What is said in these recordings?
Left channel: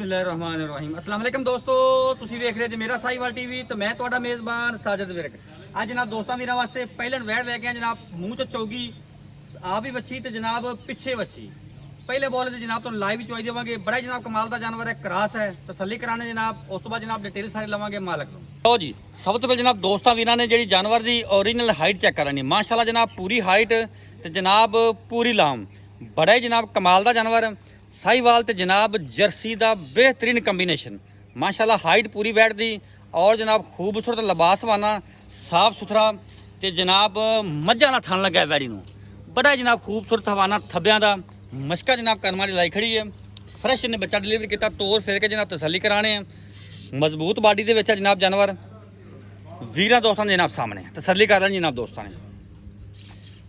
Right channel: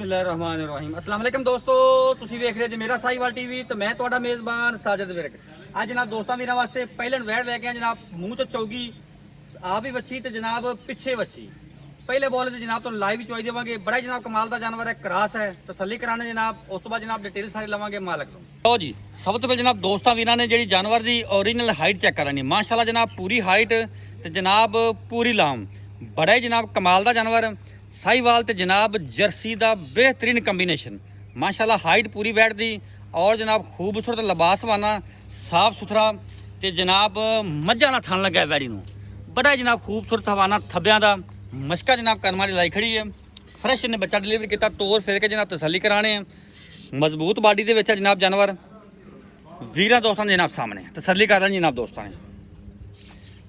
ਬਿਸਮਿਲ੍ਲਾਹਿਰਰਹਿਮਾਨਿਰਰਹੀਮ अस्सलाम वालेकुम ਦੋਸਤੋ, ਤੁਸੀਂ ਵੇਖ ਰਹੇ ਜੀ ਮੇਰਾ ਸਾਈਵਾਲ ਟੀਵੀ ਤੇ ਮੈਂ ਤੁਹਾਡਾ ਮੇਜ਼ਬਾਨ ਸਾਜਦ ਵਿਰਕ। ਅੱਜ ਜਨਾਬ ਦੋਸਤਾਂ ਵੀਰਾਂ ਵਾਸਤੇ ਪਹਿਲਨ ਵੈੜ ਲੈ ਕੇ ਆਏ ਜਨਾਬ, ਮੂੰਹ ਚ ਚੌਗੀ ਆਪ ਹੀ ਵੱਛੀ ਤੇ ਜਨਾਬ ਪਿੱਛੇ ਵੱਛੀ। ਪਹਿਲੇ ਬੋਲ ਤੇ ਜਨਾਬ ਤੁਹਾਨੂੰ ਲਾਈਵ ਚੋਈ ਦੇਵਾਂਗੇ। ਬੜਾ ਜਨਾਬ ਕਮਾਲ ਦਾ ਜਾਨਵਰ ਹੈ, ਕਰਾਸ ਹੈ, ਤਸੱਲੀ ਕਰਾਣੇ ਜਨਾਬ। ਉਸ ਤੋਂ ਬਾਅਦ ਜਨਾਬ ਡਿਟੇਲ ਸਾਰੀ ਲਵਾਂਗੇ ਮਾਲਕ ਤੋਂ। ਲਓ ਜੀ, ਸਭ ਤੋਂ ਪਹਿਲਾਂ ਜਨਾਬ ਦੋਸਤਾਂ ਵੀਰਾਂ ਨੇ ਜਿਹੜੀ ਜਾਨਵਰ ਦੀ ਓਰੀਜਨਲ ਹਾਈਟ ਚੈੱਕ ਕਰਾਣੀ। ਮਾਸ਼ਾਅੱਲਾ ਜਨਾਬ ਪੂਰੀ ਹਾਈਟ ਤੇ ਜਨਾਬ ਪੂਰੀ ਲਾਮ, ਬੜਾ ਹੀ ਜਨਾਬ ਕਮਾਲ ਦਾ ਜਾਨਵਰ। ਸਾਈਵਾਲ ਤੇ ਜਨਾਬ ਜਰਸੀ ਦਾ बेहतरीन ਕੰਬੀਨੇਸ਼ਨ। माशाल्लाह हाइट पूरी बैठ दी और जनाब खूबसूरत लिबास वाना साफ सुथरा ते जनाब मझां दा थन लगा वैड़ी नूं। बड़ा जनाब खूबसूरत हवाना थब्बियां दा मशका जनाब करम वाली लाई खड़ी है। फ्रैश ने बच्चा डिलीवर किया, तोड़ फिर के जनाब तसल्ली कराने। मजबूत बाडी दे विच जनाब जानवर वीरां दोस्तां दे जनाब सामने तसल्ली कर लैनी जनाब दोस्तां ने।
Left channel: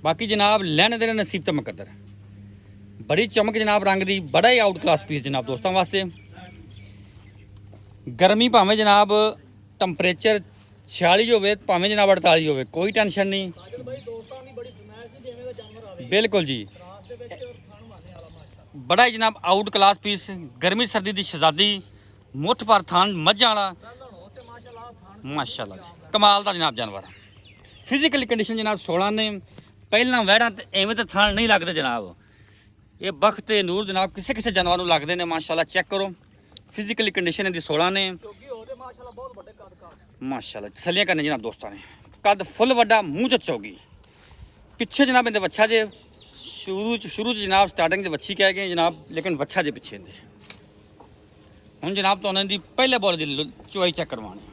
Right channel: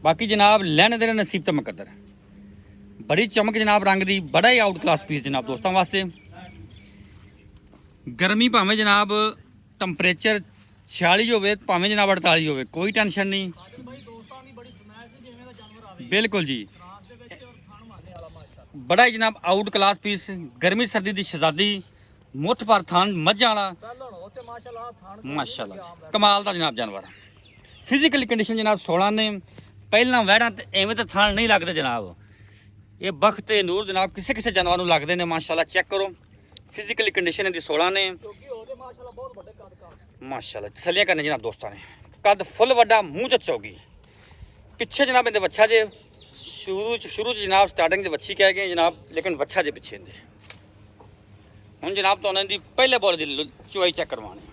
बाकी जनाब लैने देने नसीब ते मुकद्दर। बड़ी चमक जनाब रंग दी, बड़ा ही आउट क्लास पीस जनाब दोस्तों वास्ते। गर्मी भावें जनाब टंपरेचर 46 होवे, भावें जनाब 48 होवे, कोई टेंशन नहीं। बिल्कुल जी, बड़ा ही जनाब आउट क्लास पीस, गर्मी सर्दी दी शहजादी, मुठ पर थान मझां वाला माशाल्लाह कमाल दा जनाब जानवर। फिजिकल कंडीशन जनाब 16 ने। पहला वैड़ा एवें तो थान नहीं लगते जनाब, ये बख्त ते नूर जनाब किसे किसे जानवर नूं लगदे ने। माशाल्लाह चेक करो, फिजिकली कंडीशन इहदी 16 ने माशाल्लाह। तसल्लियां करने जनाब दोस्तां ने। कद फुल वड्डा, मूँह च चौगी, पिछे जनाब इहदे बच्चा जे शुरू जनाब स्टार्टिंग दे बच्ची कह गए जनाब, लेकिन बच्चा जे पिछे इहदे। हुण जनाब तुहानूं इहदी पहले बॉल दी चुआई चेक करवानी।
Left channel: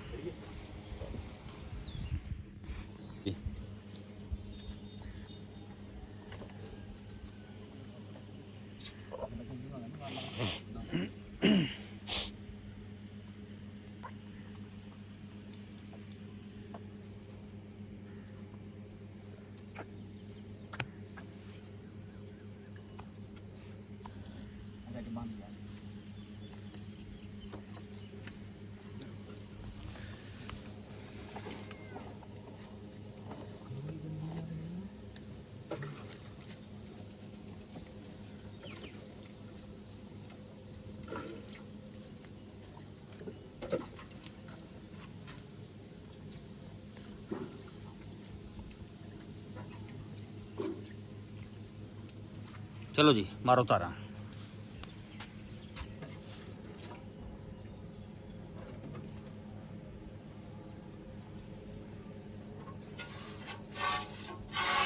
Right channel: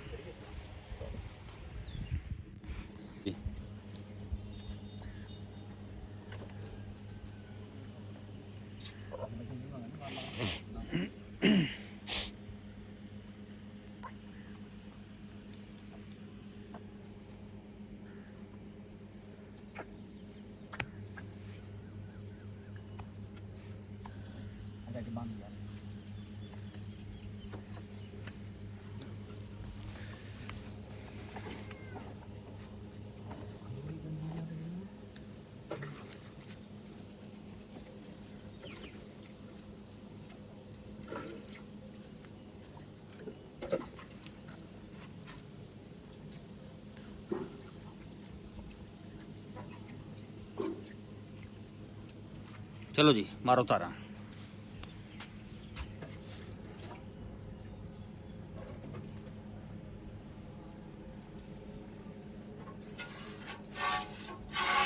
चलो जी मारो तारा।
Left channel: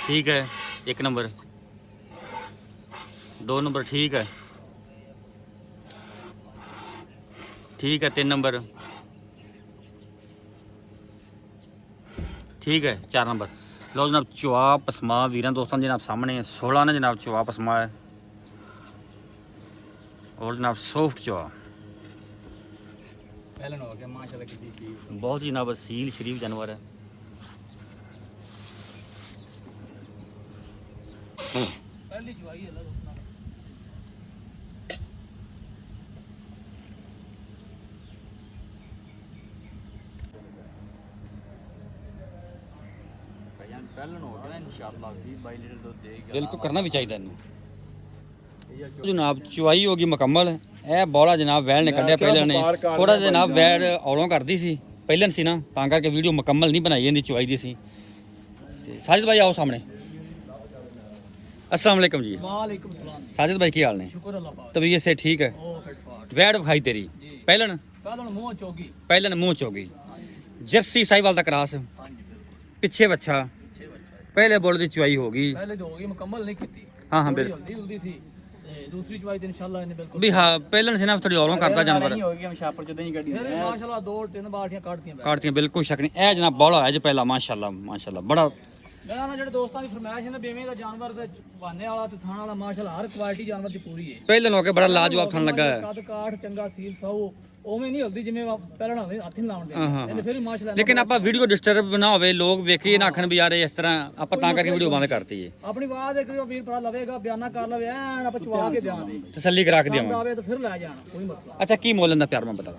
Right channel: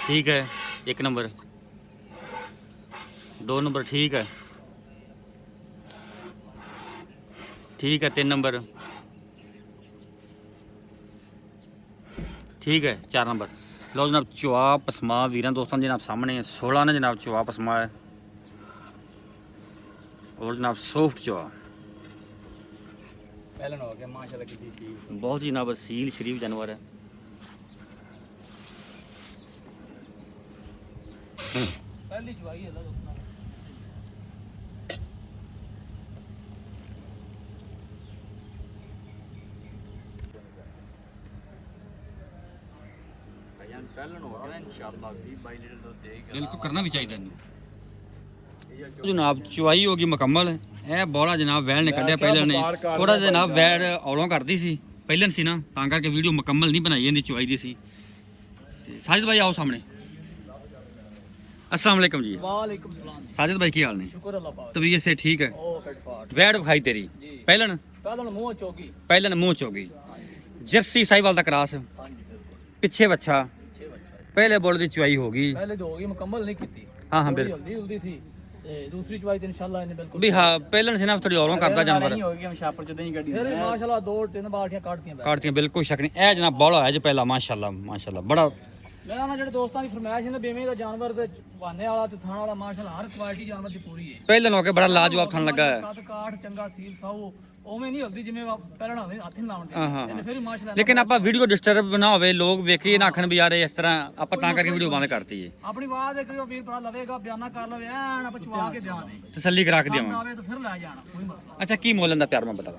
ठीक है, 1 नंबर, 2 नंबर ठीक है, ठीक है, 3 नंबर ठीक है, 4 नंबर। लो जनाब चुआ पसमा वीरां दोस्तों जनाब सामने 16 ने जनाब चुआ पसमा है और जनाब सॉफ्ट चुआ बहुत ही जनाब सील शरीफ जानवर है। बिल्कुल करना भी चाहिए जनाब। चुआई होगी मुकम्मल। यह बौला जनाब वैल ने कढ़िया पहले ने थोड़ा जिहा जनाब वैल औलों करती सी पहलन सी ना, तां करके वीडियो मुकम्मल नहीं बनाई इहदी चुआई दी सी। साजिद भाई आओ सामने। अस्सलाम वालेकुम जी। वालेकुम सलाम। साजिद भाई की हाल ने? शुक्र अल्लाह पाक। तबीयत से ठीक है? वैड़ खाई तेरी पहलन मुंह चौकी, पहलन मुंह चौगी, जर्सी साहिवाल दा क्रास, पिछे बच्चा, पहले बोल दी चुआई होगी। पहले जो होगी मुकम्मल नहीं की। हाँ हाँ बिल्कुल, जल्दी सी दूसरी चुआई तो इंशाल्लाह इन्हें बिल्कुल भी हाँ पहलन से ना थोड़ी औरों करता जानवर नहीं होगी। हम शापर च नहीं कटी माशाल्लाह 2-3 बाल्टियां काटतियां बिल्कुल शक नहीं। ए जनाब बौला है जो पहला माशाल्लाह माशाल्लाह बड़ा। मैं उन्होंने जेडे दोस्तों की फरमाइश है ना बेमे का जानवर ते वाने वाला ते थाना वाला माशाल्लाह हर क्वालिटी जानवर दी पूरी है। पहलन होके बड़ा लाजवाब थन लगा है। कद काठ चंगा सील सौ ओवें नहीं होती जिवें पहले ना हथ नहीं लाउंदे ते फिर माशाल्लाह। लेकिन आप वीडियो डिस्टर्ब ना होवे, लोग वेखिए ना आखन भी यार इस तरह आप तां करके वीडियो बंद करती है। अपनी आवाज एक वीर भरा लवेगा बयाना कर लवे एन आप चुआ के बयान दे तसल्ली करा के देवां आवे तो फिर ले जाना कोई मसला। अच्छा की मोलन दा प्यार मैं बता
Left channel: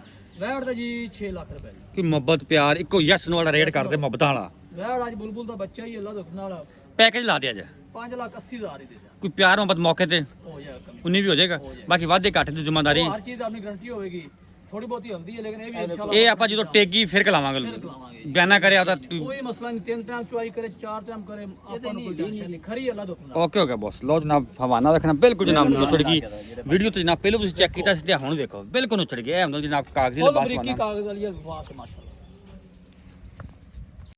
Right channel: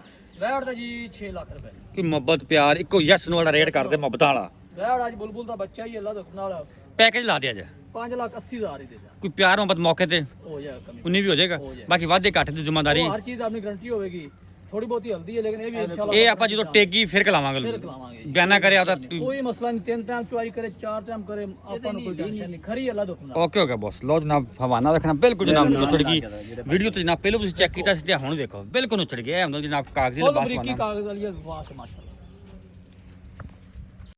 वैड़ दा जी 6 लाख रुपए कि मोहब्बत प्यार इको यस नो वाला रेट कर दे मोहब्बत वाला। वैड़ आज बुलबुल दा बच्चा ही अल्लाह दा खुदा वाला पैकेज ला दिया जा 5,80,000 ही दे ਕੋਈ ਪਿਆਰ ਮੁਹੱਬਤ ਮੌਕੇ ਤੇ ਹੋ ਜਾਏਗਾ ਕਮੀ ਉਨੀ ਵੀ ਹੋ ਜਾਏਗਾ। ਬਾਕੀ ਵਾਧੇ ਘੱਟ ਦੀ ਜ਼ਿੰਮੇਵਾਰੀ ਹਰ ਚੀਜ਼ ਆਪਣੀ ਗਰੰਟੀ ਹੋਵੇਗੀ। ਥੋੜੀ ਬਹੁਤੀ ਹਲਦੀ ਹੈ ਲੇਕਿਨ ਇਹ ਵੀ ਇਨਸ਼ਾਅੱਲਾ ਇਹ ਆਪਾਂ ਜਦੋਂ ਟੇਗੀ ਫਿਰ ਕਲਾਵਾਂਗੇ ਕਲਾਵਾਂਗੇ। ਬਿਆਨਾ ਕਰੇ ਆਦਾ। ਕੋਈ ਮਸਲਾ ਨਹੀਂ, 3 ਟਾਈਮ ਚੁਆਈ ਕਰੇ 4 ਟਾਈਮ ਕਰੇ ਆਪਾਂ ਨੂੰ ਕੋਈ ਟੈਨਸ਼ਨ ਨਹੀਂ। ਖਰੀ ਅੱਲਾ ਦੁੱਖ ਨਾ। Okay okay Bose. ਲੋ ਜਨਾਬ ਹਵਾਨਾ ਰੱਖਣਾ ਬਿਲਕੁਲ ਜਨਾਬ ਨੁੱਚੜ ਗਈ ਵੀਡੀਓ ਤੇ ਜਨਾਬ ਪਹਿਲਾਂ ਤੁਸੀਂ ਚੈੱਕ ਕੀਤਾ ਸੀ ਤੇ ਹੁਣ ਵੇਖੋ ਬਿਲਕੁਲ ਨੁੱਚੜ ਗਿਆ। ਇਹ ਹੁੰਦਾ ਜਨਾਬ ਕਾਗਜ਼ੀ ਲਿਬਾਸ ਬਰੀਕੀ ਵਾਲਾ ਕਾਗਜ਼ ਵਾਲੀ ਵਾਸ ਮਾਸ਼ਾ